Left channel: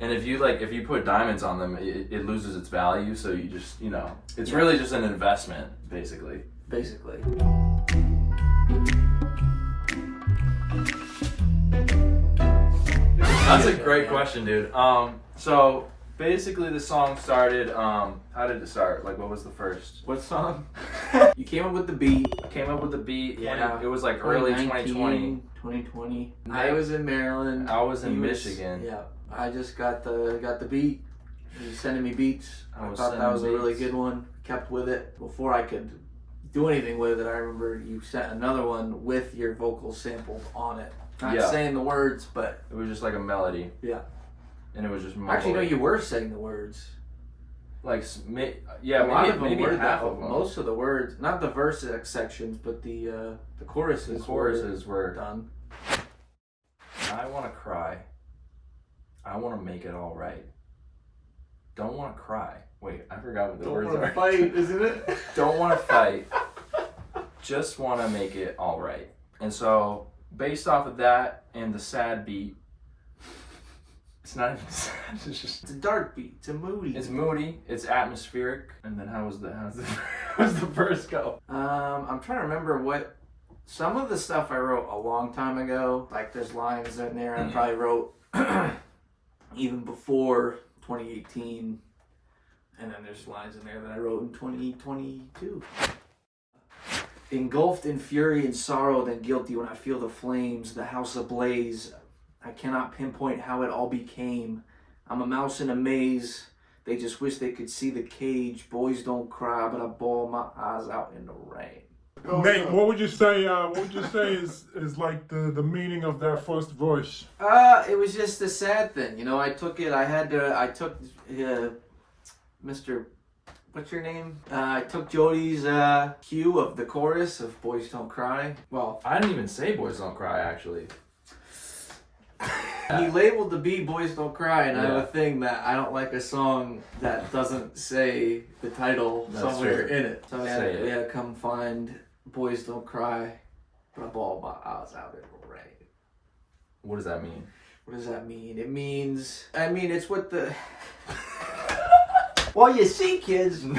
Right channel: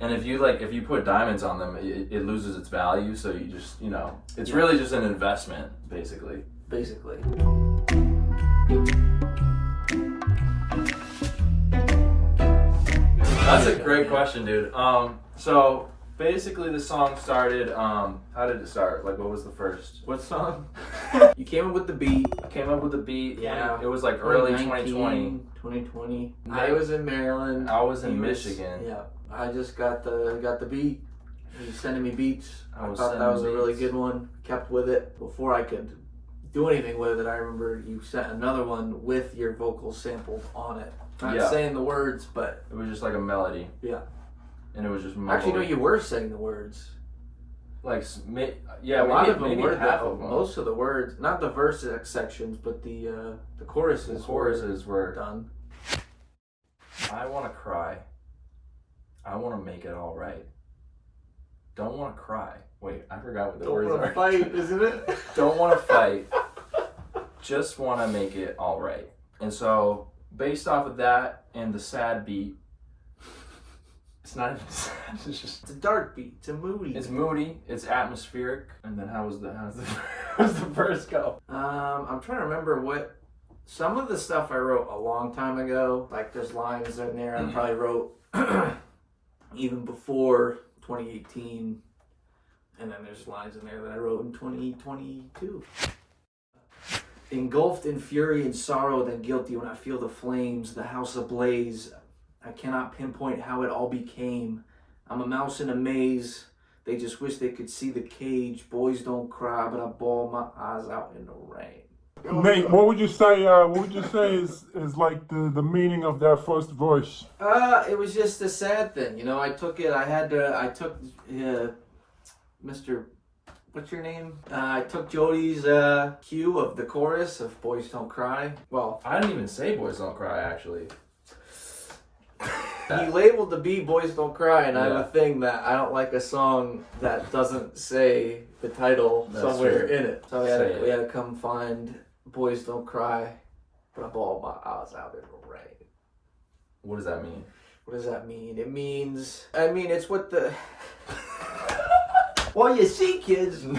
And if you put diamonds on them, it loses its value. So you just, it's really just an investment, basically. Basically. That's a great question, dude. So basically the song started, how did it start? Like, what was the first? What song? You came up with the beat. Yeah. It was like early 2020. 2020. I was in Maryland. I was in Michigan. Yeah. I just got the beat. He was sending me beats. I thought that was a really good one. Kept with it. Before I could do anything with it, I remember you sent another one with your vocals sampled on it. Not saying the words, but it was just like a melody. Yeah. And it was just actually, no, you were saying the words. Like, a lot of them were half of them. Most of the words, not the verse sections, but the choruses. The choruses were done. I want to cry. I want to make it all right. Don't want to cry. Wait, I forgot what the words are. Don't want to fight, isn't it? Don't want to fight. Just want to make it all right. And so, based off of that and the sad beat, it's not even sad. It's a dark beat. It's a moody. It's moody. It's atmospheric. And then how's the verse go? I'm trying to remember what some of the stuff I wrote a long time ago. Like there's lines in there I probably wrote even before 2018, and then there's lines in there that I wrote in 2022. Engulfed in fury and sorrow, then guilty when I feel the flames, the house ablaze. I cannot pinpoint how it all became. I'm a mouse in a maze. They just wish they could see the cage. Boys don't cry, but I bawl my eyes out in the rain. Nate, what would you say? Is like the meaning of that first verse? It was just a sad thing, I took it. I took Mr. What's your name? I took Jody's cue of the chorus of "Boys Don't Cry." Well, I didn't even say "Boys Don't Cry" actually. He labeled the beat "Boys Don't Cry," and I have a thing that I don't like a song that doesn't say the title somewhere in it. So we had to come find "Boys Don't Cry," but I bawled my eyes out in the rain. What does that mean? What does that mean? It means, it's what the... Well, you see, kids, 2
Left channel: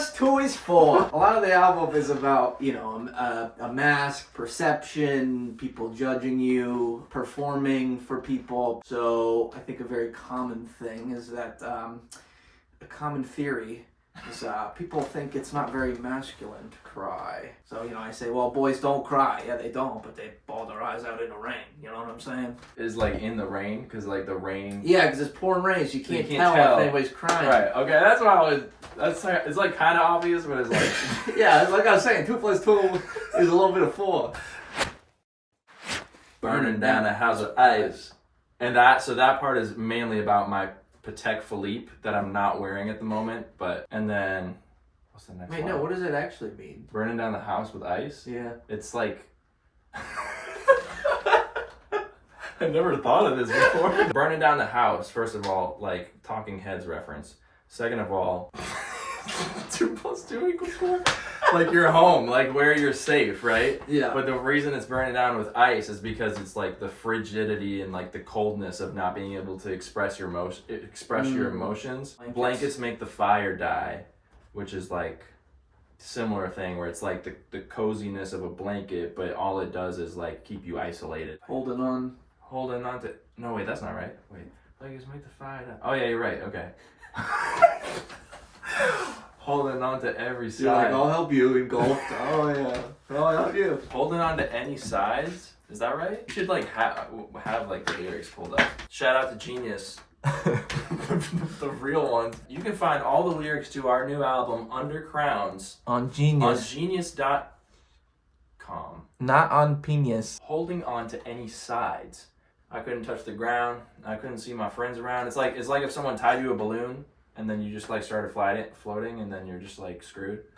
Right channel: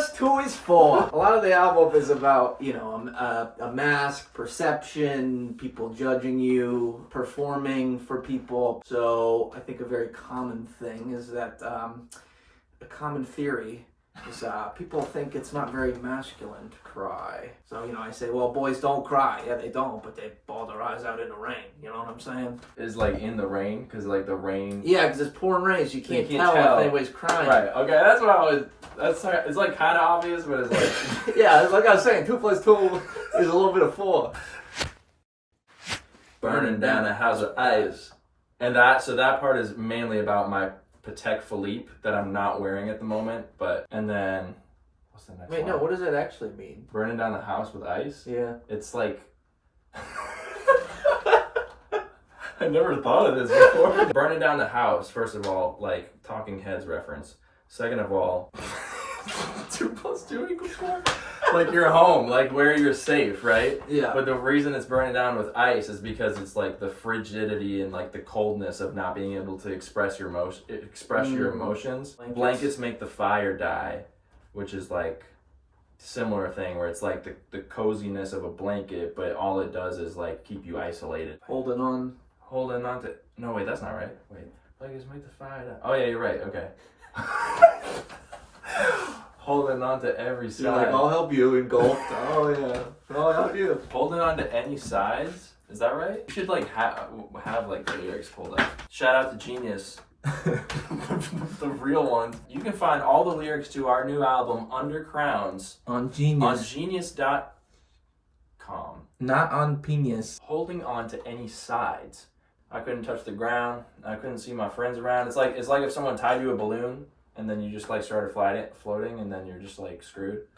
+ 2 is 4. A lot of the album is about, a mask, perception, people judging you, performing for people. So I think a very common thing is that, a common theory is people think it's not very masculine to cry. So, I say, well, boys don't cry. Yeah, they don't, but they bawl their eyes out in the rain. You know what I'm saying? Is like in the rain? Because like the rain... Yeah, because it's pouring rain, so you can't tell if anybody's crying. Right, okay, that's what I was... It's like kind of obvious, but it's like... Yeah, like I was saying, 2 + 2 is a little bit of 4. Burning down a house of ice. And so that part is mainly about my Patek Philippe that I'm not wearing at the moment, and then what's the next one? Wait, no, what does it actually mean? Burning down the house with ice? Yeah. It's like I never thought of this before. Burning down the house, first of all, like Talking Heads reference. Second of all, 2 + 2 = 4. Like your home, like where you're safe, right? Yeah. But the reason it's burning down with ice is because it's like the frigidity and like the coldness of not being able to express your emotions. Blankets make the fire die, which is like similar thing where it's like the coziness of a blanket, but all it does is like keep you isolated. Holding on to... No, wait, that's not right. Wait. Blankets make the fire die. Oh yeah, you're right. Okay. Holding on to every side. You're like, I'll help you, engulfed. Oh yeah, I'll help you. Holding on to any sides. Is that right? You should like have like the lyrics pulled up. Shout out to Genius, the real ones. You can find all the lyrics to our new album Under Crowns on Genius. On genius.com. Not on Penis. Holding on to any sides. I couldn't touch the ground. I couldn't see my friends around. It's like if someone tied you a balloon. And then you just like started floating, and then you're just like screwed.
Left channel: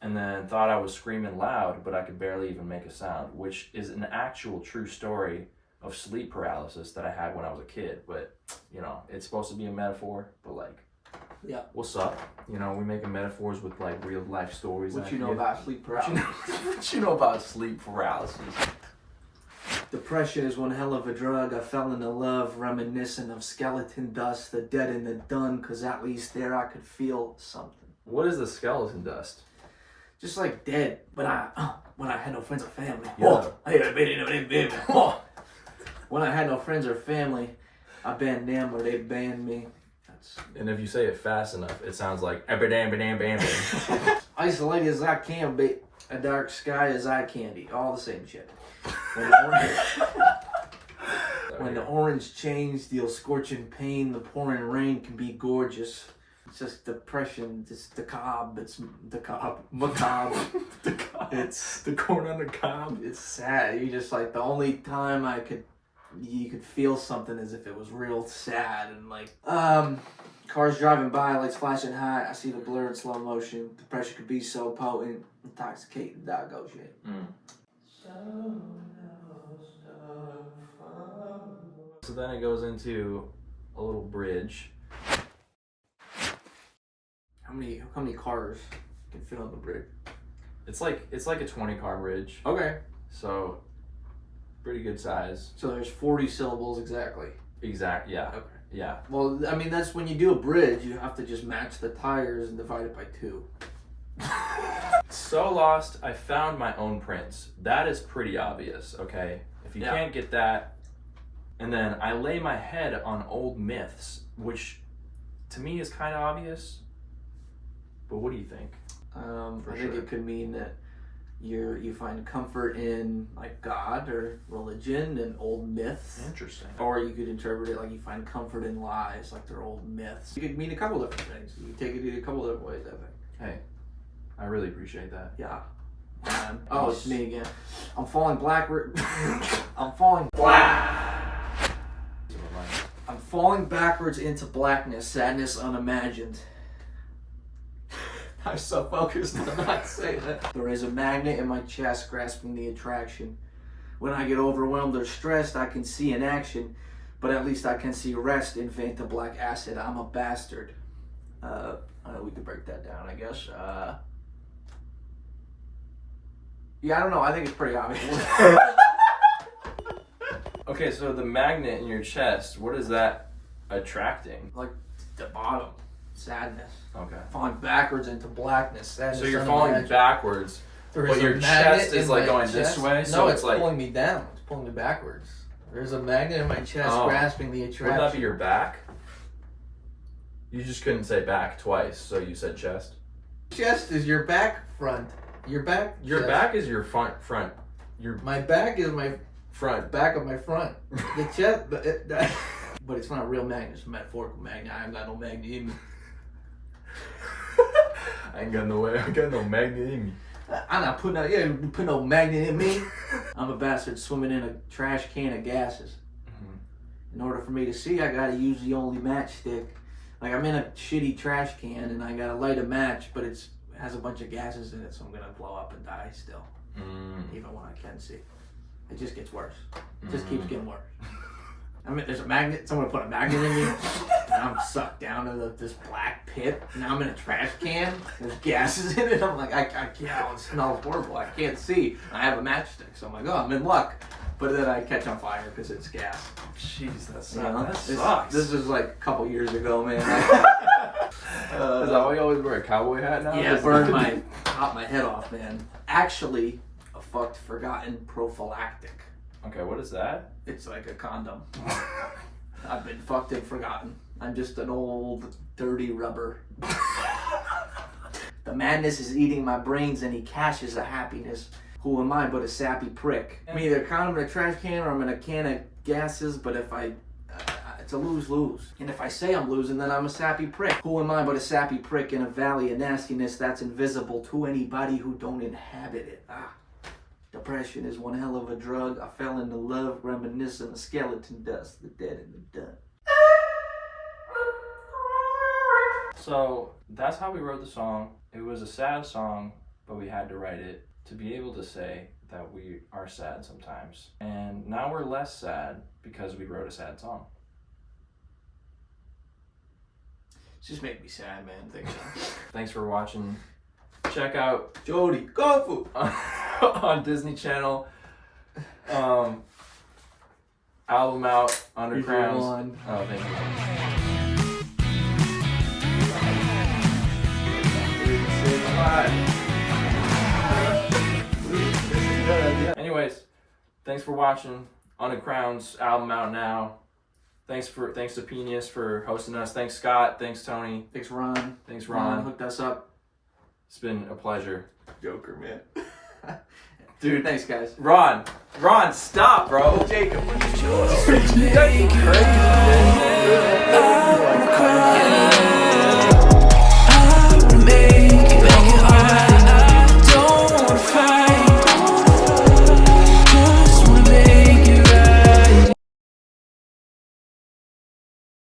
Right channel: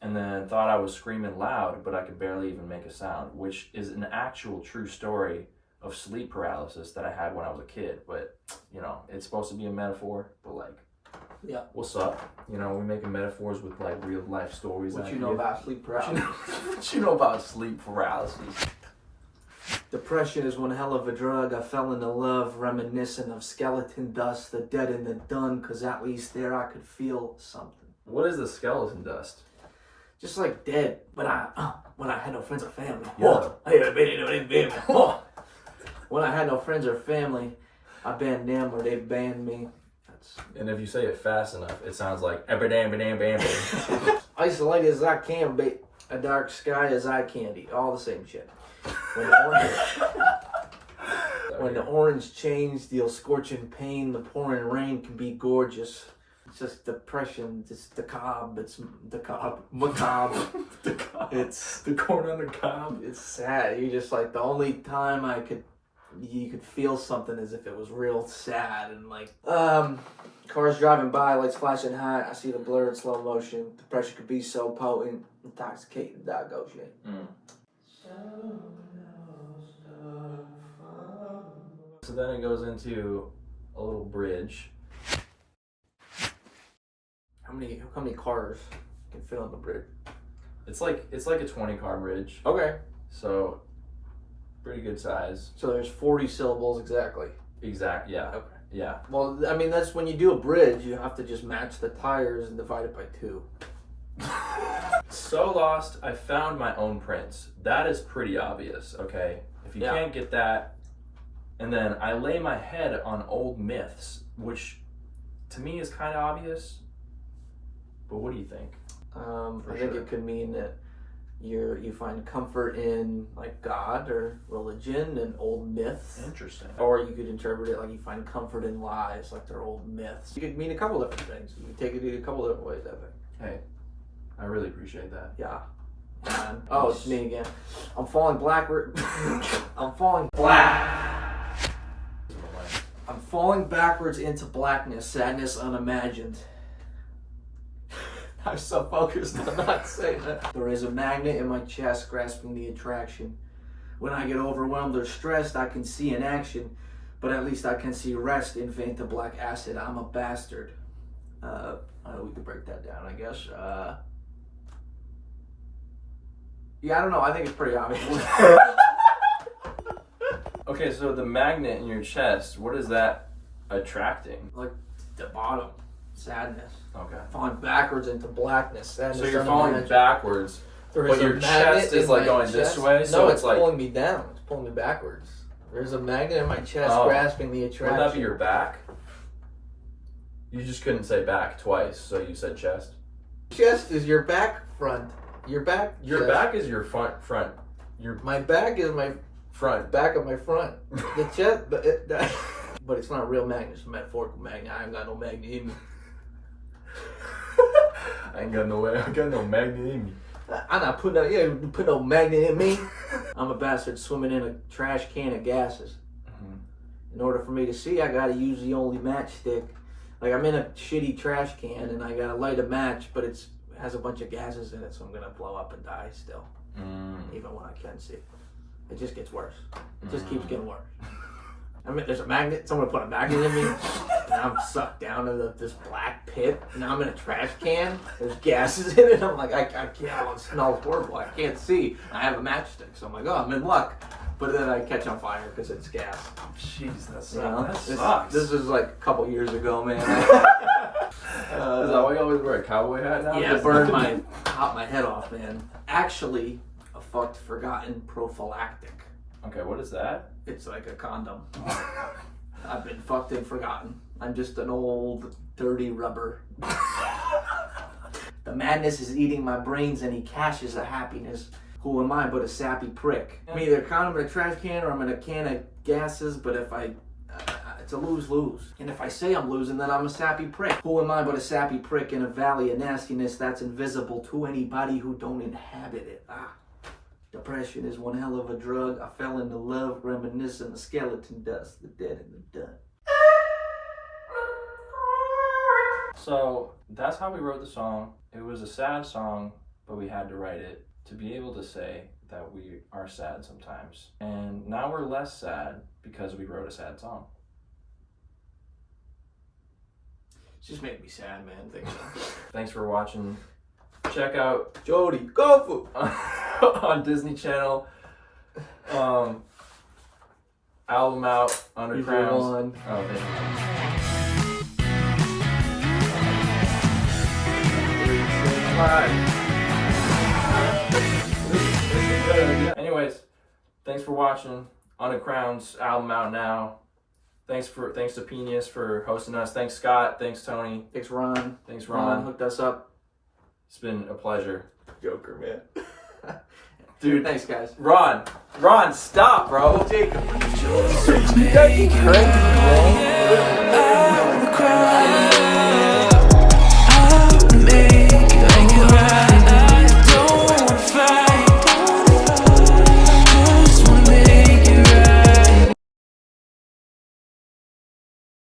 And then thought I was screaming loud, but I could barely even make a sound, which is an actual true story of sleep paralysis that I had when I was a kid. But, it's supposed to be a metaphor, but like, yeah, what's up? We making metaphors with like real life stories. What you know about sleep paralysis? What you know about sleep paralysis? Depression is one hell of a drug. I fell into love, reminiscent of skeleton dust, the dead and the done, cause at least there I could feel something. What is the skeleton dust? Just like dead, but when I had no friends or family. Yeah. When I had no friends or family, I banned them or they banned me. And if you say it fast enough, it sounds like bam. Isolated as I can be, a dark sky as eye candy, all the same shit. When the orange chains deal scorching pain, the pouring rain can be gorgeous. It's just depression, it's macabre. It's the corn on the cob. It's sad. You just like the only time you could feel something as if it was real sad and like cars driving by, lights flashing high. I see the blur in slow motion. Depression could be so potent, intoxicating, doggo shit. So then it goes into a little bridge. How many cars can fit on the bridge? It's like a 20-car bridge. Okay. So pretty good size. So there's 40 syllables exactly. Exact. Yeah. Okay. Yeah. Well, I mean, that's when you do a bridge, you have to just match the tires and divide it by 2. So lost, I found my own prints. That is pretty obvious, okay? If you can't get that, and then I lay my head on old myths, which to me is kind of obvious. But what do you think? I think it could mean that you find comfort in like God or religion and old myths. Interesting. Or you could interpret it like you find comfort in lies, like they're old myths. You could mean a couple different things. You could take it in a couple different ways, I think. Hey, I really appreciate that. Yeah. Oh, it's me again. I'm falling backward. I'm falling black. I'm falling backwards into blackness, sadness unimagined. I'm so focused on not saying that. There is a magnet in my chest grasping the attraction. When I get overwhelmed or stressed, I can see an action, but at least I can see rest in Fanta Black Acid. I'm a bastard. We could break that down, I guess. Yeah, I don't know. I think it's pretty obvious. Okay, so the magnet in your chest, what is that attracting? Like the bottom, sadness. Okay. Falling backwards into blackness. Sadness. So you're falling backwards, but your chest is like going this way. So no, it's like pulling me down. It's pulling me backwards. There's a magnet in my chest grasping the attraction. Would that be your back? You just couldn't say back twice, so you said chest. Chest is your back front. Your back. Your chest. back is your front. My back is my front. Back of my front. The chest, but it's not a real magnet. It's a metaphorical magnet. I ain't got no magnet in me. I got no magnet in me. I'm not putting no magnet in me. I'm a bastard swimming in a trash can of gases. Mm-hmm. In order for me to see, I gotta use the only matchstick. Like I'm in a shitty trash can and I gotta light a match, but it has a bunch of gases in it, so I'm gonna blow up and die still. Even when I can see. It just gets worse. It just keeps getting worse. I mean, there's a magnet. Someone put a magnet in me, and I'm sucked down into this black pit. Now I'm in a trash can. There's gases in it. I'm like, I can't. Oh, it smells horrible. I can't see. I have a matchstick, so I'm like, oh, I'm in luck. But then I catch on fire because it's gas. Jeez, that sucks. You know, that sucks. This was like a couple years ago, man. Is that why you always wear a cowboy hat now? Yeah, popped my head off, man. Actually, a fucked forgotten prophylactic. Okay, what is that? It's like a condom. I've been fucked and forgotten. I'm just an old, dirty rubber. The madness is eating my brains and he caches the happiness. Who am I but a sappy prick? I'm either a condom in a trash can or I'm in a can of gases, but if it's a lose-lose. And if I say I'm losing, then I'm a sappy prick. Who am I but a sappy prick in a valley of nastiness that's invisible to anybody who don't inhabit it? Depression is one hell of a drug. I fell into love, reminiscent of skeleton dust, the dead and the done. So that's how we wrote the song. It was a sad song, but we had to write it to be able to say that we are sad sometimes. And now we're less sad because we wrote a sad song. It's just making me sad, man. Thanks. Thanks for watching. Check out Jody Kofu on Disney Channel. album out, Under Here's Crowns. your one. Oh, thank you. Anyways, thanks for watching. Under Crowns album out now. Thanks to Penius for hosting us. Thanks Scott. Thanks Tony. Thanks Ron. Thanks Ron Ron. hooked us up. It's been a pleasure. Joker, man. Dude, Thanks guys. Ron, stop, bro. Jacob. I wanna cry.